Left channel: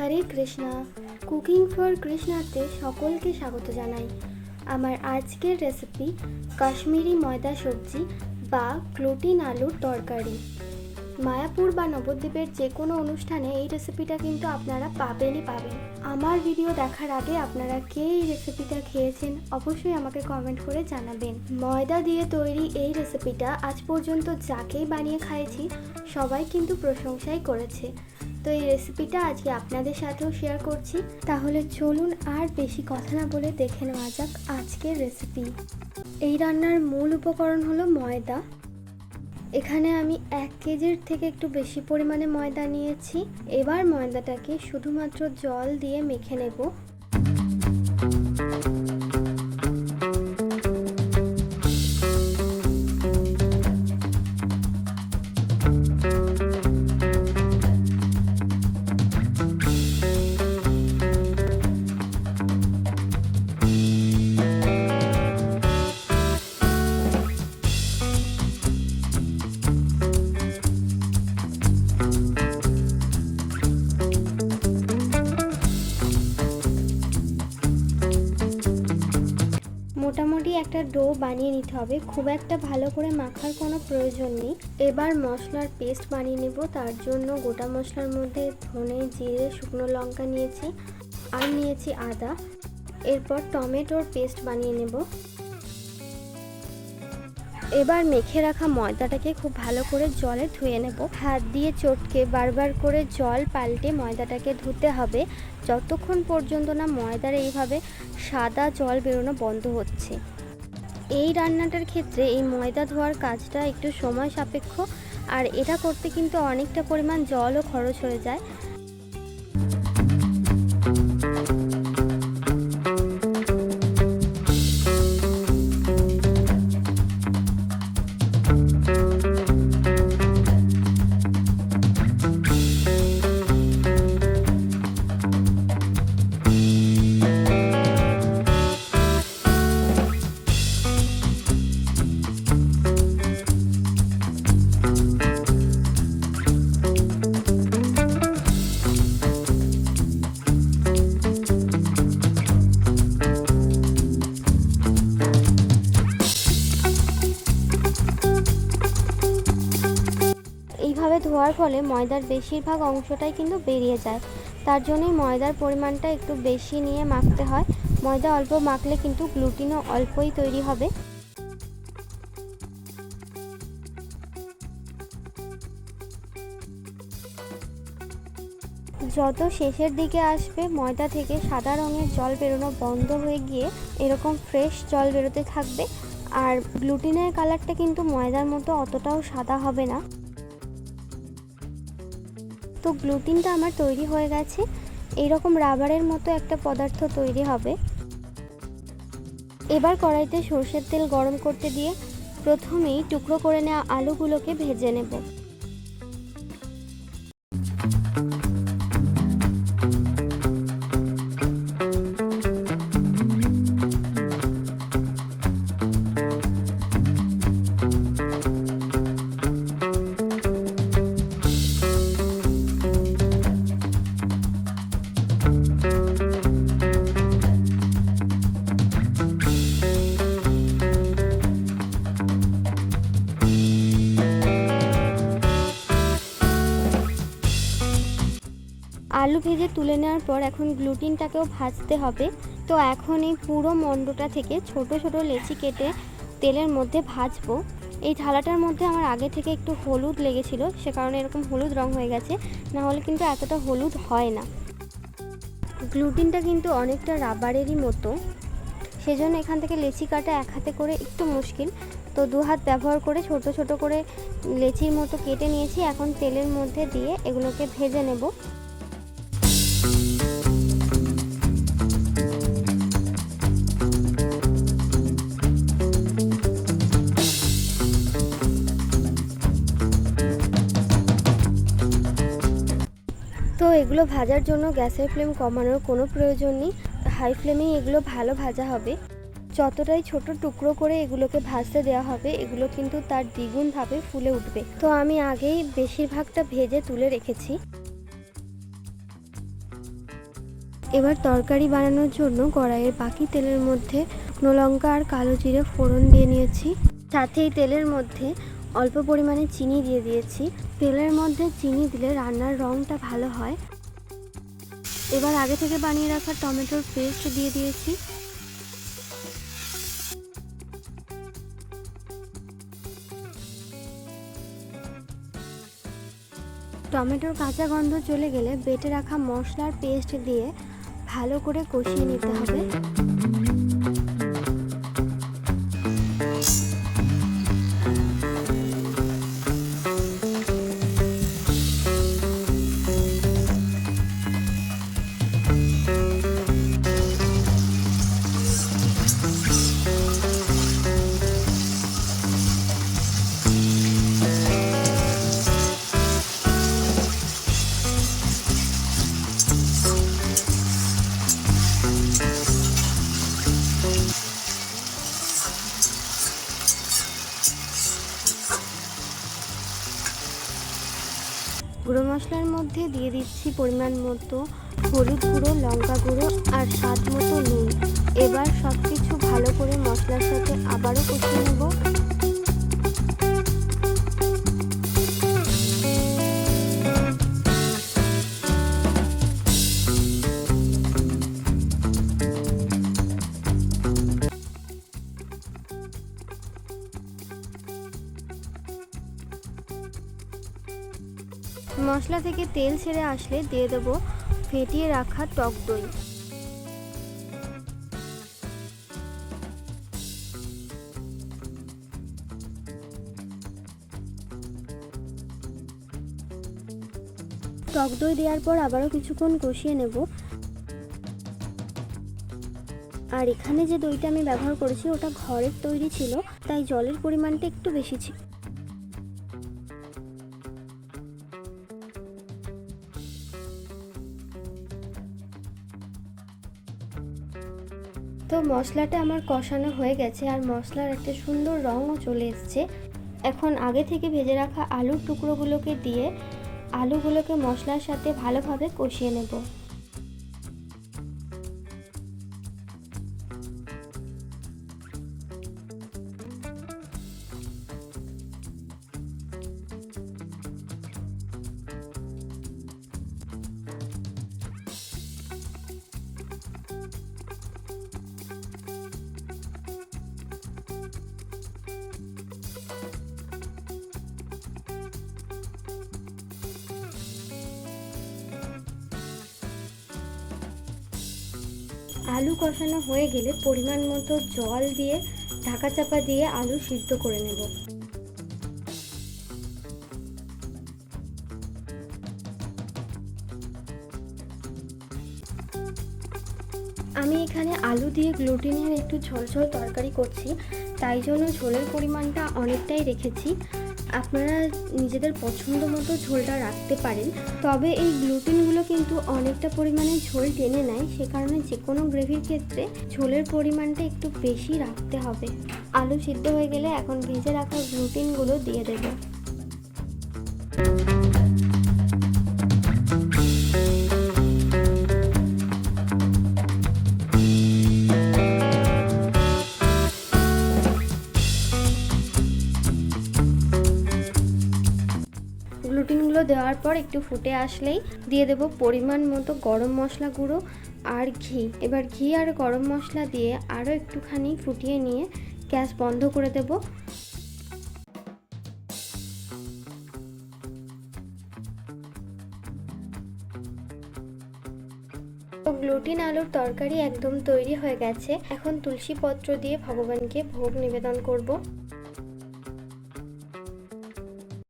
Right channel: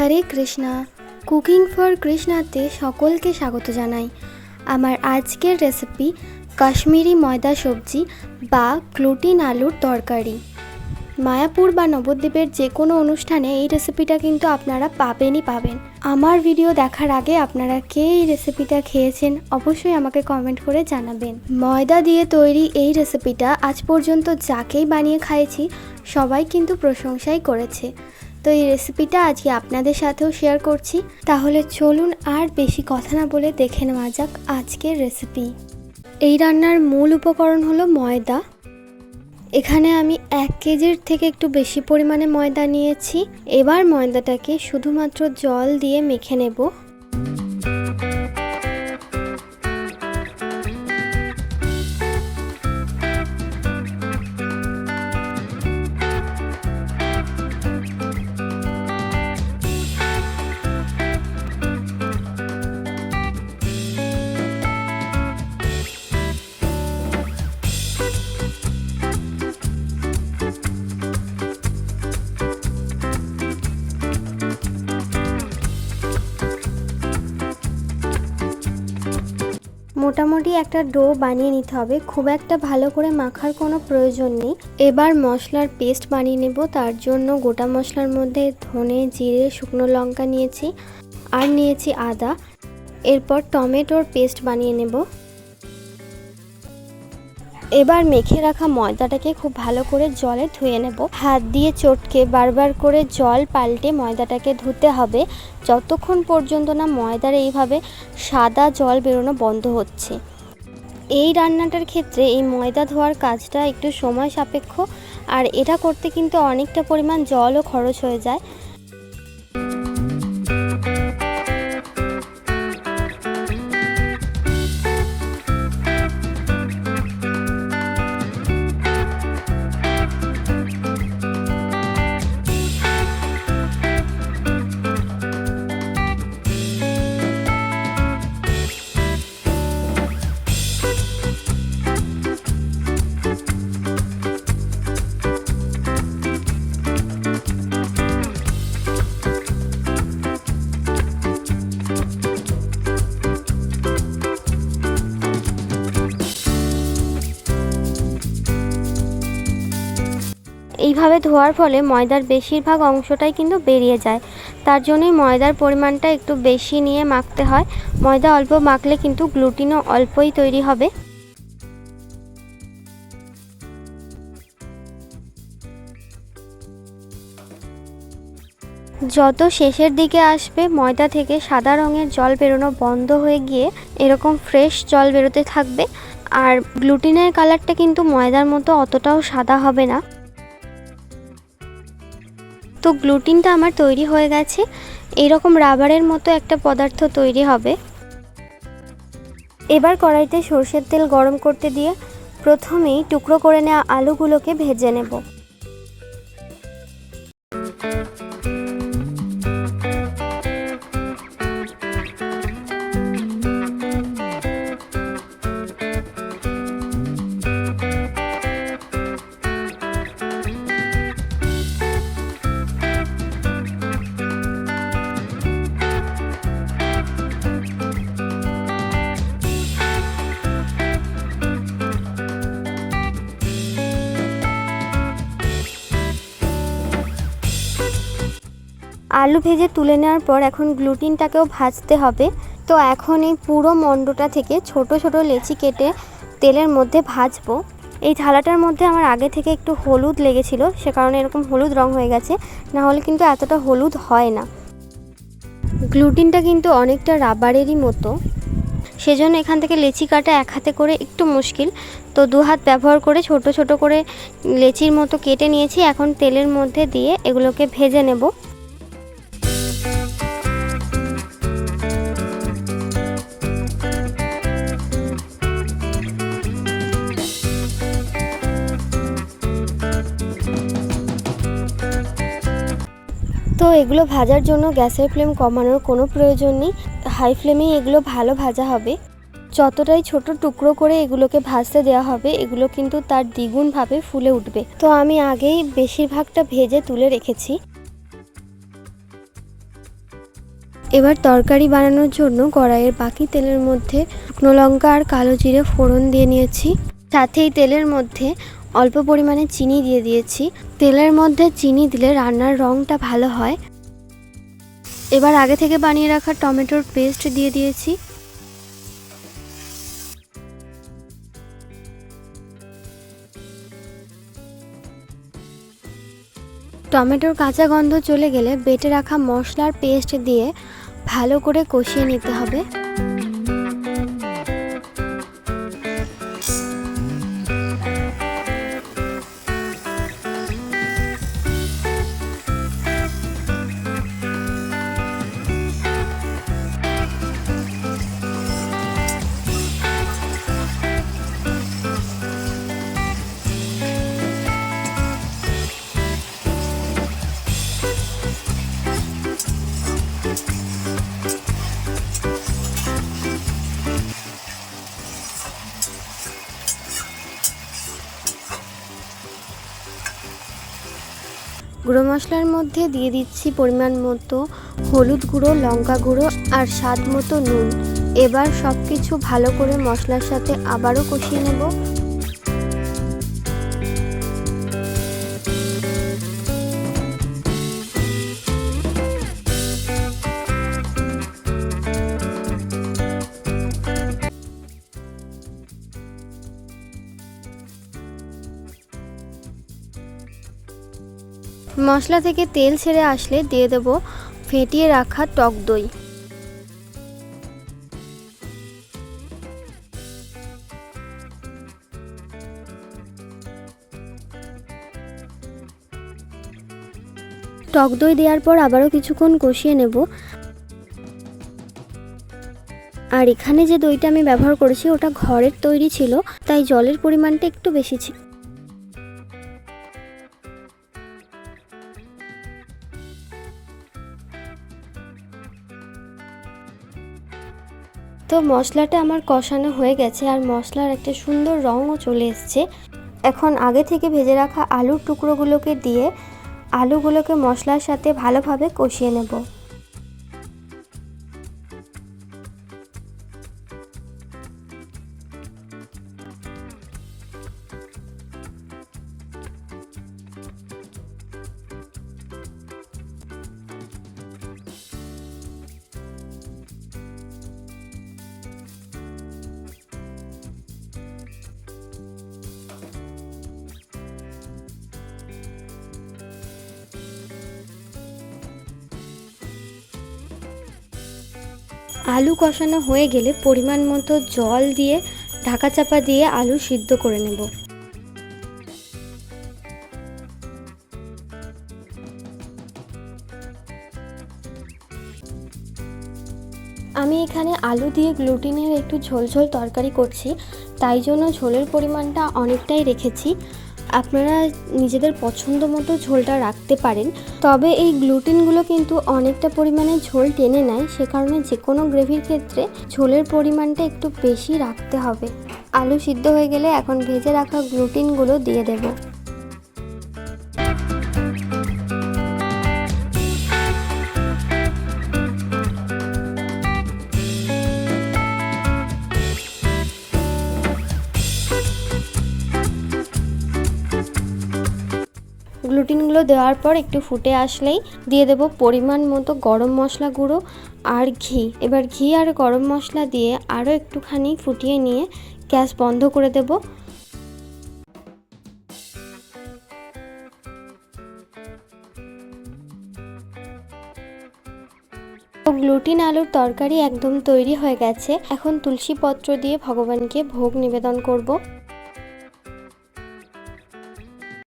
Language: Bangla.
হরে কৃষ্ণা। কুকিং ফর কৃষ্ণাতে সকলকে স্বাগত জানাই। আমার আজকের রেসিপি কাশ্মীরি ময়দা সবজি বা গ্লুটিন আলুর তরকারি। মায়াপুর বা নবদ্বীপের যে কোনো অনুষ্ঠানে এই রেসিপিটা কিন্তু আপনারা পাবেন। আমার ভিডিও দেখার আগে আপনারা কে এই রেসিপিটা খেয়েছেন অবশ্যই আমাকে কমেন্ট করে জানাবেন। ময়দা দিয়ে তৈরি এই রেসিপিটা আজ পর্যন্ত যাকেই বানিয়ে খাইয়েছি সবাই কিন্তু প্রশংসাই করেছে। তো এই রেসিপিটা আজকে আপনাদের সাথেও শেয়ার করছি। তাহলে চলুন আর বেশি কথা না বলে দেখে নেওয়া যাক আজকের রেসিপি। এই রান্নার মূল উপকরণ হলো ময়দা। এখানে আমি 1 কেজির থেকে একটু বেশি পরিমাণে ময়দা নিয়েছি। এবার ময়দাটাকে শুধুমাত্র জল দিয়ে মেখে নেব। মোটামুটি একটা ডো বানিয়ে নিতে হবে, খুব একটা ভালো করে মাখার কোনো প্রয়োজন নেই। এবার মশলার পেস্ট বানিয়ে নেব। তার জন্য গোটা মশলার মধ্যে ধনে, জিরে, শুকনো লঙ্কা নিয়েছি আর নিয়েছি আদা। এরপর টমেটোর পেস্ট বানিয়ে নেব। এবার মেখে রাখা ময়দাটাকে খুব ভালো করে জলে ধুয়ে নেব। হাত দিয়ে চটকে বারবার করে জল পাল্টে ময়দাটাকে ধুতে হবে যতক্ষণ পর্যন্ত না ময়দার এইভাবে সাদা জল বেরোনো বন্ধ হচ্ছে। এই রান্নাটার ক্ষেত্রে এই ময়দা ধোয়ার কাজটা একটু সময় সাপেক্ষ, আর এটা করতে কিন্তু অনেকটা পরিমাণ জলও খরচ হয়ে যায়। এইভাবে ধোয়ার ফলে ময়দার বেশিরভাগ অংশটাই কিন্তু বেরিয়ে যায়। তার জন্যই ময়দার পরিমাণটা একটু বেশি নিয়ে মাখতে হয়। ময়দা অল্প মাখলে কিন্তু গ্লুটিনও অল্পই তৈরি হবে। যত শেষের দিকে আসবে ময়দা থেকে সাদা রঙের জল বেরোনো বন্ধ হয়ে গিয়ে এরকম ফ্রেশ জল বেরোতে থাকবে। আর গ্লুটিনের কালারটা কিন্তু ময়দার মতো অতটাও সাদা হবে না। তো গ্লুটিনটা আমার তৈরি হয়ে গেছে। এইরকম রাবারের মতো একটা পদার্থ তৈরি হবে। এবার কড়াইতে সরষের তেল গরম করতে দিয়ে প্রথমেই টুকরো করে নেওয়া আলুগুলোকে ভেজে নেব। আলু ভেজে তুলে নেওয়ার পর এখন গ্লুটিনটাকেও ভাজতে হবে। তো এখন এই পুরো মণ্ডটা থেকে ছোট ছোট লেচি কেটে তেলের মধ্যে ভাজবো। এই থালাটার মধ্যে আমার আগে থেকে একটু হলুদ লেগেছিল, সে কারণে এরকম হলুদ রং হয়ে গেছে, না হলে কিন্তু এতটা হলুদ হয় না। গ্লুটিনটা কিন্তু অনেকটা রাবারেরই মতো, সেজন্য এখান থেকে লেচি কাটা এক হাতে করে একটু মুশকিল। তো 2 হাত ব্যবহার করে ছোট ছোট করে লেচির মতো কেটে নিয়েছি। এখন তেলের মধ্যে দিয়ে এগুলোকে ভেজে নেব। তো এগুলো ভাজার জন্য গ্যাসের ফ্লেম কমানোর কোনো প্রয়োজন নেই, হাই ফ্লেমেই এগুলো ভালো ভাজা হবে। যতটাই ছোট টুকরো করে এগুলোকে ভাজতে দেওয়া হবে এগুলো কিন্তু তার দ্বিগুণভাবে ফুলে উঠবে। তো আমি আগেই বেশিরভাগটা ভেজে তুলে রেখেছি। তো এগুলো ভাজার জন্য গ্যাসের ফ্লেম কমানোর কোনো প্রয়োজন নেই, হাই ফ্লেমেই এগুলো ভালো ভাজা হবে। যতটাই ছোট টুকরো করে এগুলোকে ভাজতে দেওয়া হবে এগুলো কিন্তু তার দ্বিগুণভাবে ফুলে উঠবে। তো আমি আগেই বেশিরভাগটা ভেজে তুলে রেখেছি। এবার তরকারি বানানোর জন্য কড়াইয়ের বাকি তেলের মধ্যে শুকনো লঙ্কা আর কালো জিরে ফোড়ন দিয়ে নিয়েছি। সাথেই তেলের মধ্যে অল্প পরিমাণে চিনি দিয়ে দিয়েছি। তেলের মধ্যে চিনি দিলে রান্নার রঙটা ভালো হয়। এবার আগে থেকে বানিয়ে রাখা টমেটোর পেস্ট দিয়ে দিয়েছি। টমেটোর কাঁচা গন্ধ চলে গেলে বেটে রাখা মশলার পেস্ট দিয়ে ভালো করে কষিয়ে নিতে হবে। গুঁড়ো মশলার মধ্যে দিয়ে দিচ্ছি পরিমাণ মতো হলুদ গুঁড়ো, লঙ্কা গুঁড়ো আর স্বাদ মতো নুন। এবার সব কিছু ভালো করে মশলার সাথে আবারও কষিয়ে নেব। মশলা থেকে তেল ছেড়ে আসলে দিয়ে দেব ফেটিয়ে রাখা টক দই। টক দই দেওয়ার পর আবারও কিছুক্ষণ কষিয়ে নেব। আর এখানে যে দইটা আমি ব্যবহার করেছি ওটা ঘরের তৈরি ছিল, তাই জলের পরিমাণটা একটু বেশি ছিল। তো মশলাটা আমার কষানো হয়ে গেছে আর মশলার একটা সুন্দর রঙও চলে এসছে। এখন আগে থেকে ভেজে রাখা আলুর টুকরোগুলোকে দিয়ে আলুগুলোকে মশলার সাথে ভালোভাবে কষিয়ে নেব। আলু কষানো হয়ে গেলে পরিমাণ মতো জল দিয়ে ঢাকা চাপা দিয়ে আলু সিদ্ধ করে নেব। আমি এখানে আলু দিয়ে গ্লুটিনের একটু ঝোল ঝোল তরকারি করছি, তাই জন্য ঝোলের পরিমাণটা অনেকটাই রেখেছি। আপনারা নিজেদের পছন্দ মতো ঝোলটা রাখতে পারেন, তবে এই গ্লুটিনগুলো কিন্তু অনেকটা পরিমাণে ঝোল টেনে নেয়, সে কারণে যে কোনো গ্রেভির ক্ষেত্রে ঝোলের পরিমাণটা একটু বেশি রাখতে হবে। আলু সিদ্ধ হয়ে গেলে এখন ভেজে রাখা গ্লুটিনগুলো দিয়ে দেব। গ্লুটিনগুলো দেওয়ার পর একটু ফুটে আসলেই দিয়ে দেব পরিমাণ মতো গরম মশলা গুঁড়ো আর ঘি। এবার ঘি আর গরম মশলা দিয়ে আরও একটুখানি ফুটিয়ে নিয়ে গ্যাস বন্ধ করে দেব। গ্লুটিন আলুর তরকারি একদম তৈরি হয়ে গেছে। এখন তুলসী পত্র দিয়ে ভগবানকে ভোগ নিবেদন করব।